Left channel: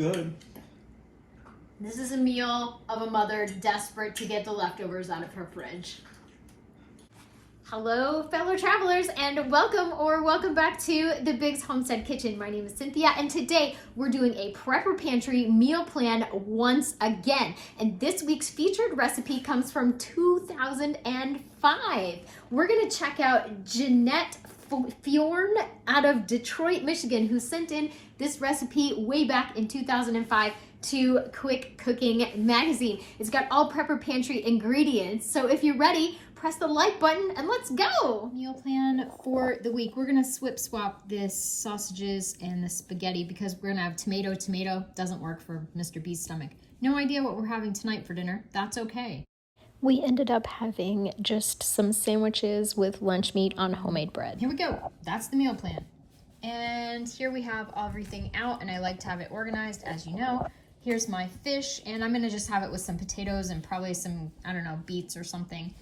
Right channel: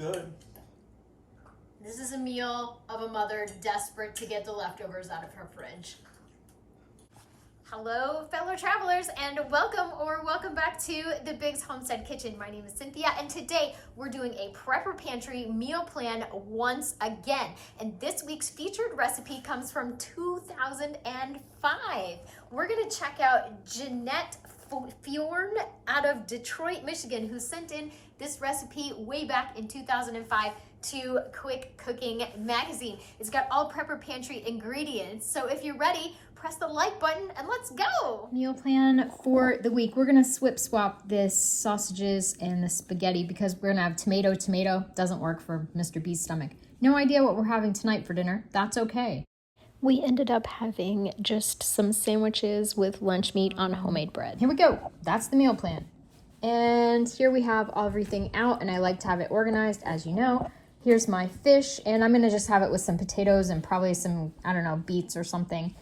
good. This is a meal of a mother desperate to get the leftovers out of her fridge. Hello, fellow travelers, and welcome back to the Biggs Homestead Kitchen. My name is Cynthia, and today we're doing a prepper pantry meal plan once again. And this week's featured recipe comes from 2005. We're gonna check out Jeanette Fjorn out of Detroit, Michigan, who sent in this recipe way back in 2005 to Quick Cooking Magazine. It's got all prepper pantry ingredients. So if you're ready, press the like button and let's go. Meal plan for the week. We're gonna swap this sausages and the spaghetti because we're gonna have tomato. Doesn't work for Mr. B's stomach. No idea what we're having tonight for dinner. That's okay. We ended up having just some sandwiches with lunch meat on homemade bread. Here we go. That's the meal plan. And here we have everything out, and I like to have it organized, as you know. Here's my fish, and I'm gonna just have it with some potatoes and probably some, I don't know, beets or something.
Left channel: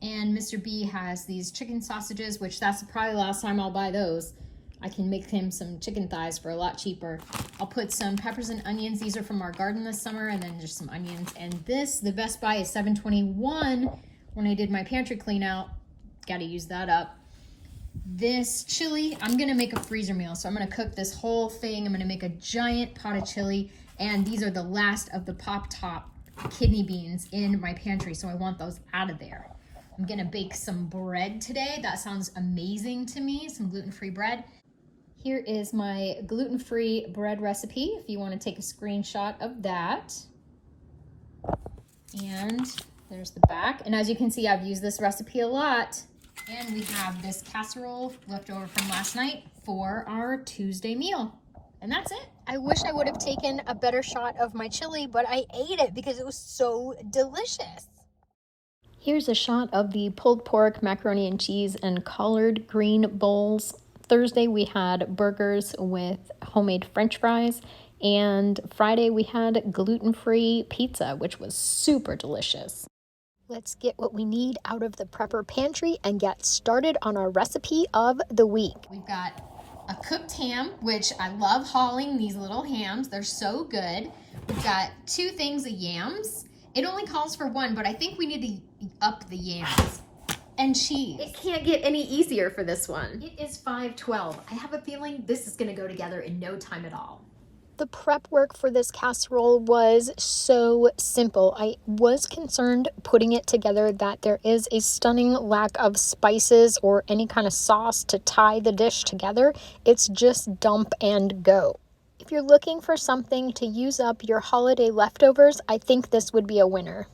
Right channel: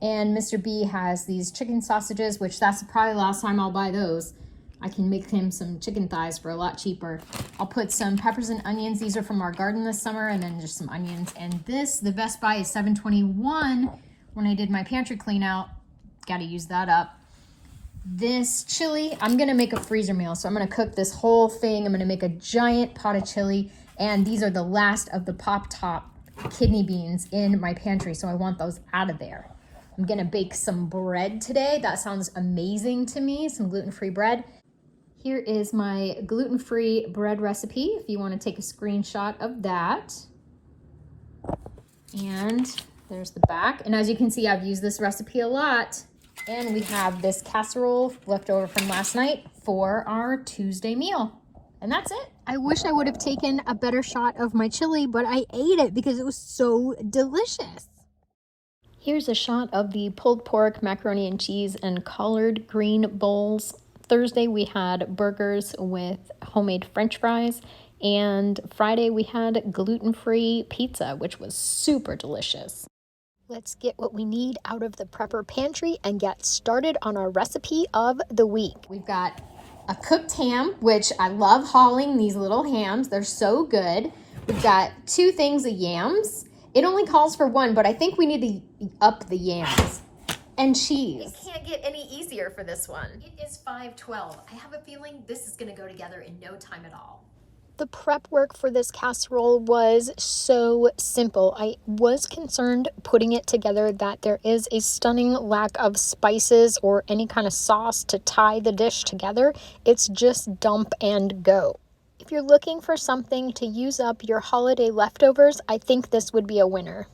And Mr. B has these chicken sausages, which that's probably the last time I'll buy those. I can make him some chicken thighs for a lot cheaper. I'll put some peppers and onions. These are from our garden this summer, and then just some onions. And this, the Best Buy is $7.21 when I did my pantry clean out. Gotta use that up. This chili, I'm gonna make a freezer meal. So I'm gonna cook this whole thing. I'm gonna make a giant pot of chili. And these are the last of the Pop Top kidney beans in my pantry. So I want those out of there. I'm gonna bake some bread today. That sounds amazing to me, some gluten-free bread. Here is my gluten-free bread recipe, if you wanna take a screenshot of that. And there's the back. And as you can see, I've used this recipe a lot. And we have this casserole left over from last night for our Tuesday meal. And that's it. I wish I would have taken a better shot of my chili, but I ate it because it was so delicious. Here's a shot of the pulled pork, macaroni and cheese, and collard green bowls. Thursday we had burgers with homemade French fries, and Friday we had gluten-free pizza, which was super delicious. Let's get what we need out of the prepper pantry and get started on our recipe of the week. We've got a cooked ham, which I love hauling these little hams. They're so good. We've got 2 things of yams. It only calls for 1, but I think we need to up the yams. And cheese. It can't get any easier for this one. It is 5:12. I have a feeling this is gonna go together in no time at all. The prep work for this casserole was so simple. I was concerned putting it together that there is a stunning lack of spices or any kind of sauce to tie the dish together. It's just dump and go. If you're looking for something to use up your holiday leftovers, I think this would be a winner.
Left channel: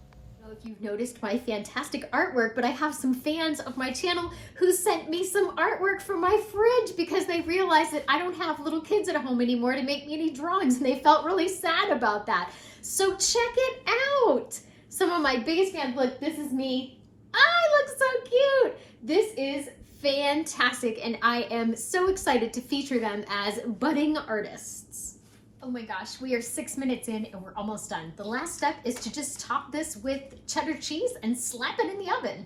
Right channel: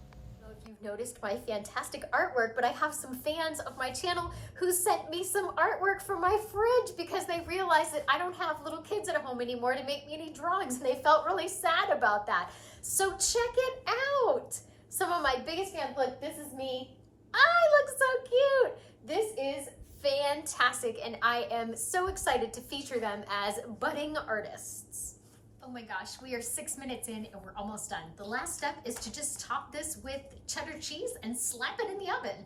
You've noticed my fantastic artwork, but I have some fans of my channel who sent me some artwork from my fridge because they realized that I don't have little kids at home anymore to make me any drawings, and they felt really sad about that. So check it out. Some of my biggest fans, look, this is me. I look so cute. This is fantastic, and I am so excited to feature them as budding artists. Oh my gosh, we are 6 minutes in and we're almost done. The last step is to just top this with cheddar cheese and slap it in the oven.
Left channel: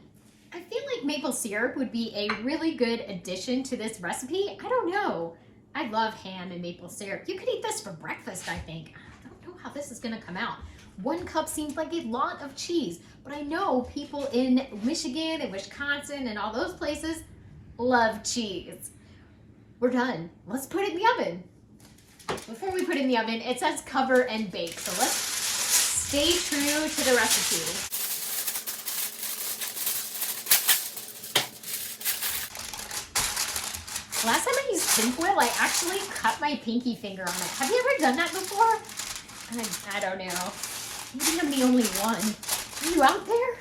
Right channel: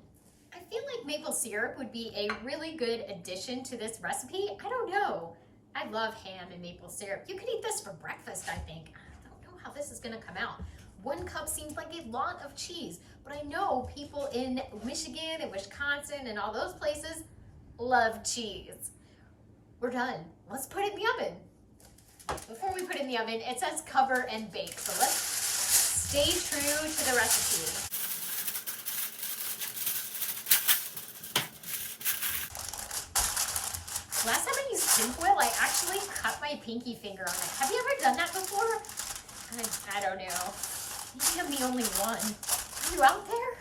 I feel like maple syrup would be a really good addition to this recipe. I don't know. I love ham and maple syrup. You could eat this for breakfast, I think. I don't know how this is gonna come out. 1 cup seems like a lot of cheese, but I know people in Michigan and Wisconsin and all those places love cheese. We're done. Let's put it in the oven. Before we put it in the oven, it says cover and bake. So let's stay true to the recipe. Last time I used tinfoil, I actually cut my pinky finger on it. Have you ever done that before? I don't know. Maybe I'm the only one. Are you out there?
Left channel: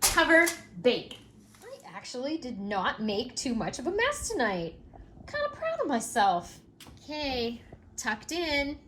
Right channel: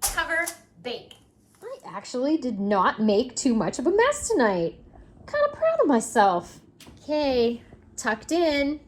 Cover, bake. I actually did not make too much of a mess tonight. I'm kind of proud of myself. Okay, tucked in.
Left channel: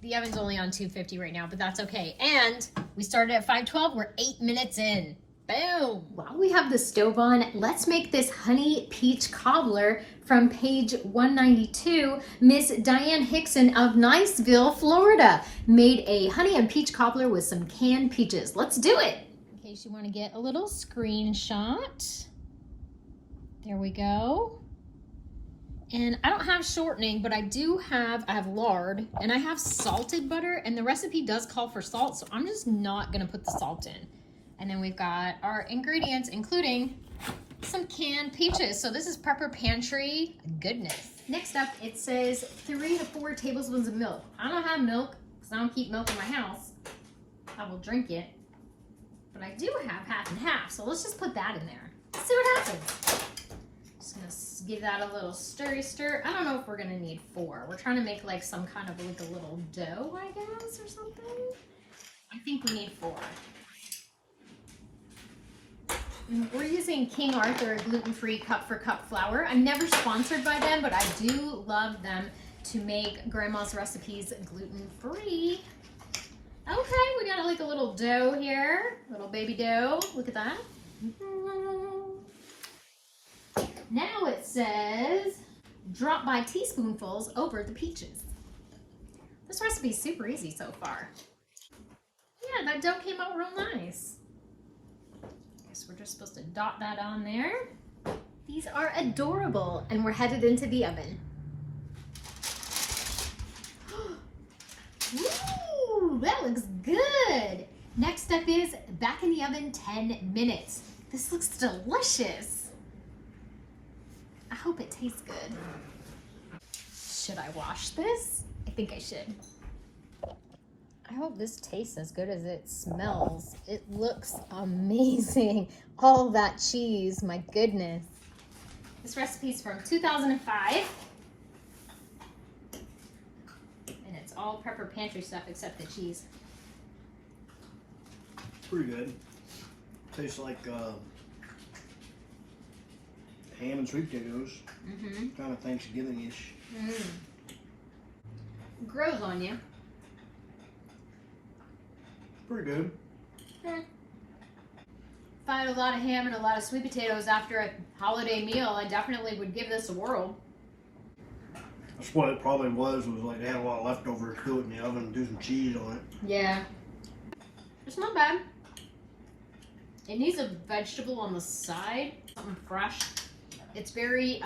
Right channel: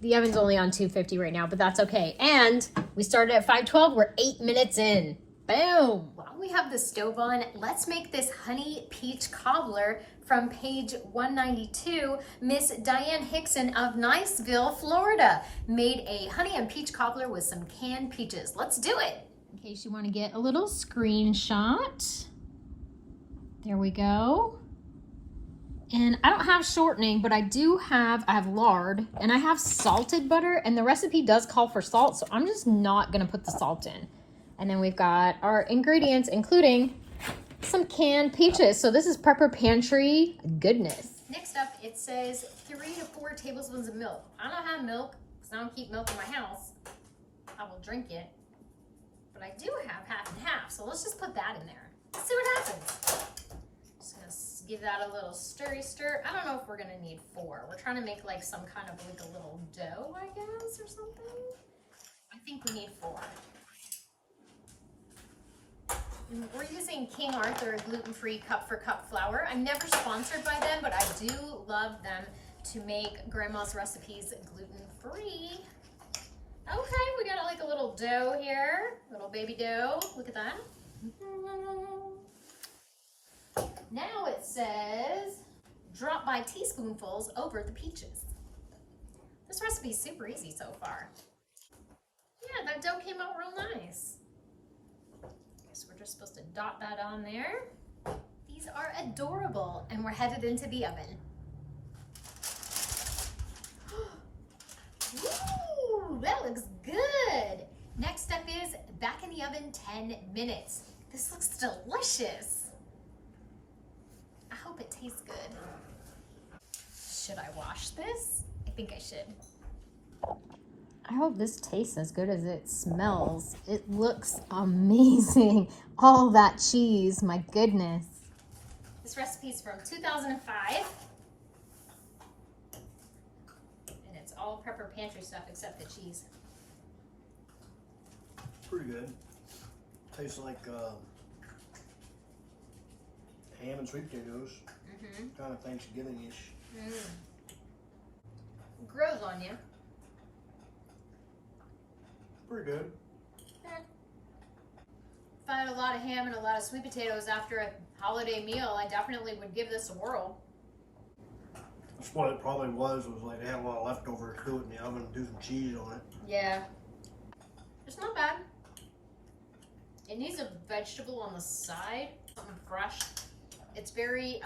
The oven's only on 250 right now, but that's okay. And we started at 5:12, we're 8 minutes in. Boom! While we have the stove on, let's make this honey peach cobbler from page 192. Miss Diane Hickson of Niceville, Florida, made a honey and peach cobbler with some canned peaches. Let's do it. In case you want to get a little screenshot. There we go. And I don't have shortening, but I have lard and I have salted butter, and the recipe does call for salt, so I'm just not gonna put the salt in. And then we've got our ingredients, including some canned peaches. So this is Prepper Pantry goodness. Next up, it says 3 to 4 tablespoons of milk. I don't have milk because I don't keep milk in my house. I will drink it, but I do have half and half. So let's just put that in there. See what happens. Just gonna give that a little stir. I don't know if we're gonna need 4. We're trying to make like some kind of like a little dough, I guess, or something. I think we need 4. And we're using King Arthur gluten-free cup for cup flour. I'm never sponsored by them, but I do love them to make grandma's recipes gluten-free. Okay, we got like a little dough here, little baby dough. Look at that. Now it says, drop by teaspoonfuls over the peaches. This recipe is super easy so far. Yeah, that dough came out real nice. Guess we're just supposed to dot that on there. These are adorable, and we're headed into the oven. Ooh, that looks good. Next up is back in the oven 10 minutes. This looks delicious. I hope it tastes good. Should I wash this? I think I should. I hope this tastes as good as it smells. It looks amazing. All that cheese, my goodness. This recipe is from 2005. And it's all Prepper Pantry stuff except the cheese. Pretty good. Tastes like ham and sweet potatoes. Kind of Thanksgiving-ish. Grows on you. Pretty good. If I had a lot of ham and a lot of sweet potatoes after a holiday meal, I definitely would give this a whirl. That's what it probably was like they had a lot of leftovers, do it in the oven and do some cheese on it. Yeah. It's not bad. It needs a vegetable on the side, something fresh. It's very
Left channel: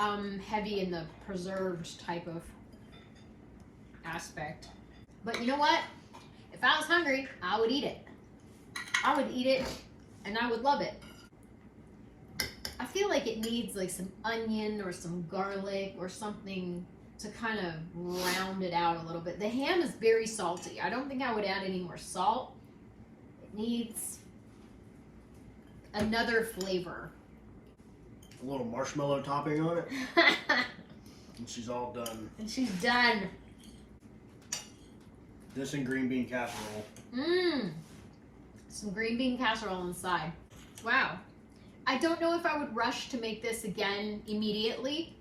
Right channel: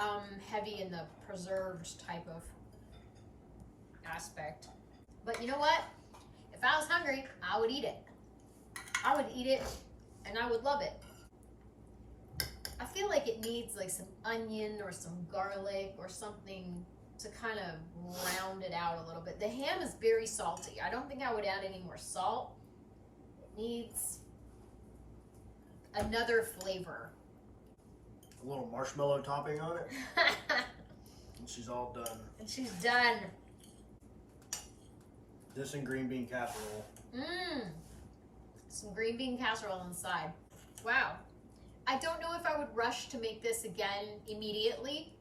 heavy in the preserved type of aspect. But you know what? If I was hungry, I would eat it. I would eat it and I would love it. I feel like it needs like some onion or some garlic or something to kind of round it out a little bit. The ham is very salty. I don't think I would add any more salt. It needs another flavor. A little marshmallow topping on it. And she's all done. And she's done. This and green bean casserole. Some green bean casserole inside. Wow. I don't know if I would rush to make this again immediately,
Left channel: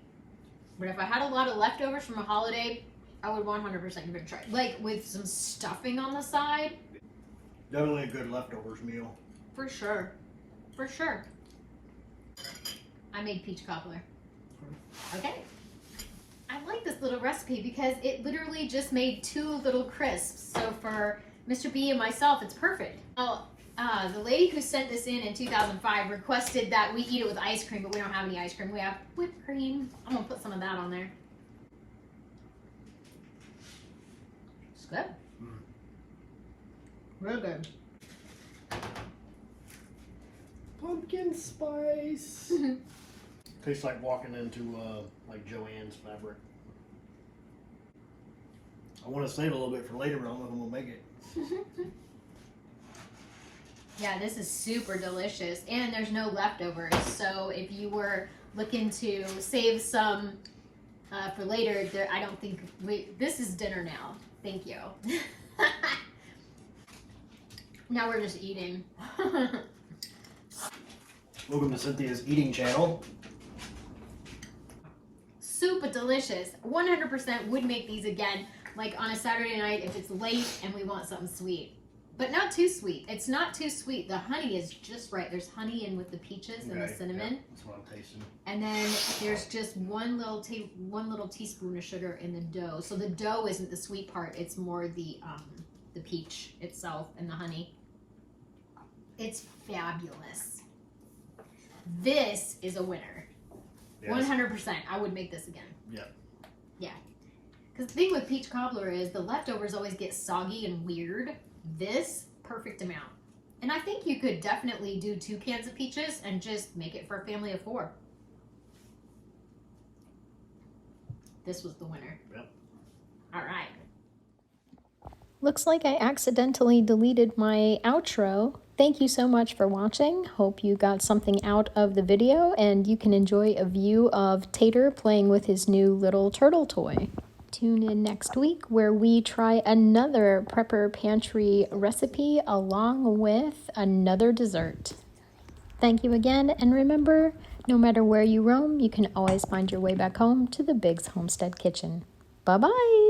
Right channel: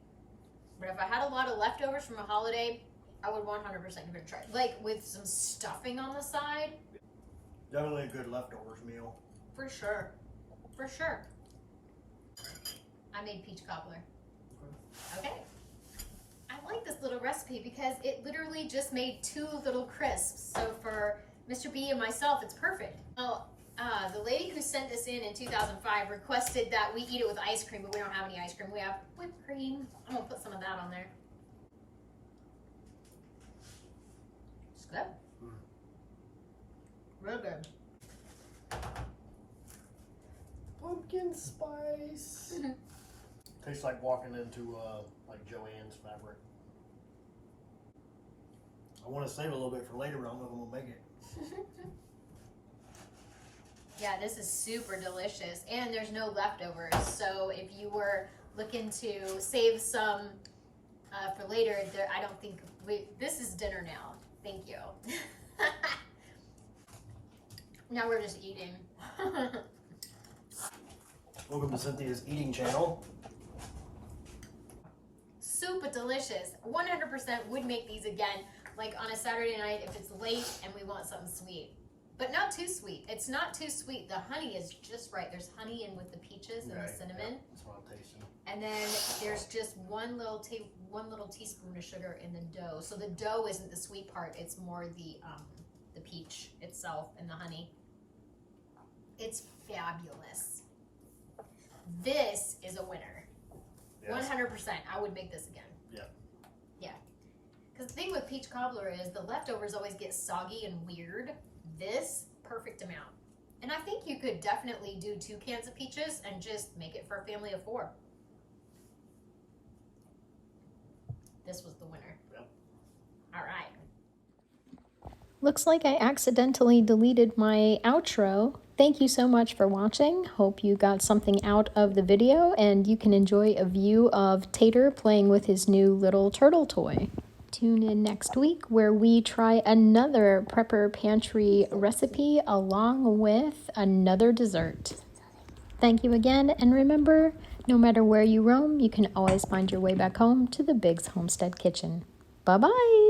but if I had a lot of leftovers from a holiday, I would 100% give it a try. Like with some stuffing on the side. Definitely a good leftovers meal. For sure. For sure. I made peach cobbler. Okay. I like this little recipe because it literally just made 2 little crisps. So for Mr. B and myself, it's perfect. Well, the lady who sent this in 2005 requested that we eat it with ice cream, but we don't have any ice cream. We have whipped cream. I'm gonna put some of that on there. It's good. Real good. Pumpkin spice. Tastes like walking into like Joann's fabric. I want to save a little bit for later, but I don't know if I'm gonna make it. Yeah, this is super delicious, and there's no leftovers. So if you were looking to save some for later, I don't think this is dinner now. Thank you. Now we're just eating. Welcome to Cynthia's eating channel. Super delicious. 100% would make these again, like on a Saturday night if it's late and we want something sweet. But not too sweet. It's not too sweet. The honey is just right. There's honey in with the peaches and the cinnamon. Yeah, that's what I'm tasting. And then there's just one little teaspoon of sugar in the dough. So the dough isn't the sweet part. It's more the peach itself and the honey. It's fabulous. This is a winner. Yes. 100%. I would make this again. Yeah. Yeah. Because the thing with peach cobbler is the leftovers always get soggy and weird. This, perfect amount. And I think you could definitely do 2 cans of peaches and just make it for a family of 4. This was the winner. Yep. All right. Looks like I accidentally deleted my outro. Thank you so much for watching. Hope you got something out of the video and you can enjoy a view of Tater playing with his new little turtle toy. Tune in next week where we try another Prepper Pantry recipe along with another dessert. Thank you again, and remember, no matter where you roam, you can always find your way back home to the Biggs Homestead Kitchen. Bye-bye!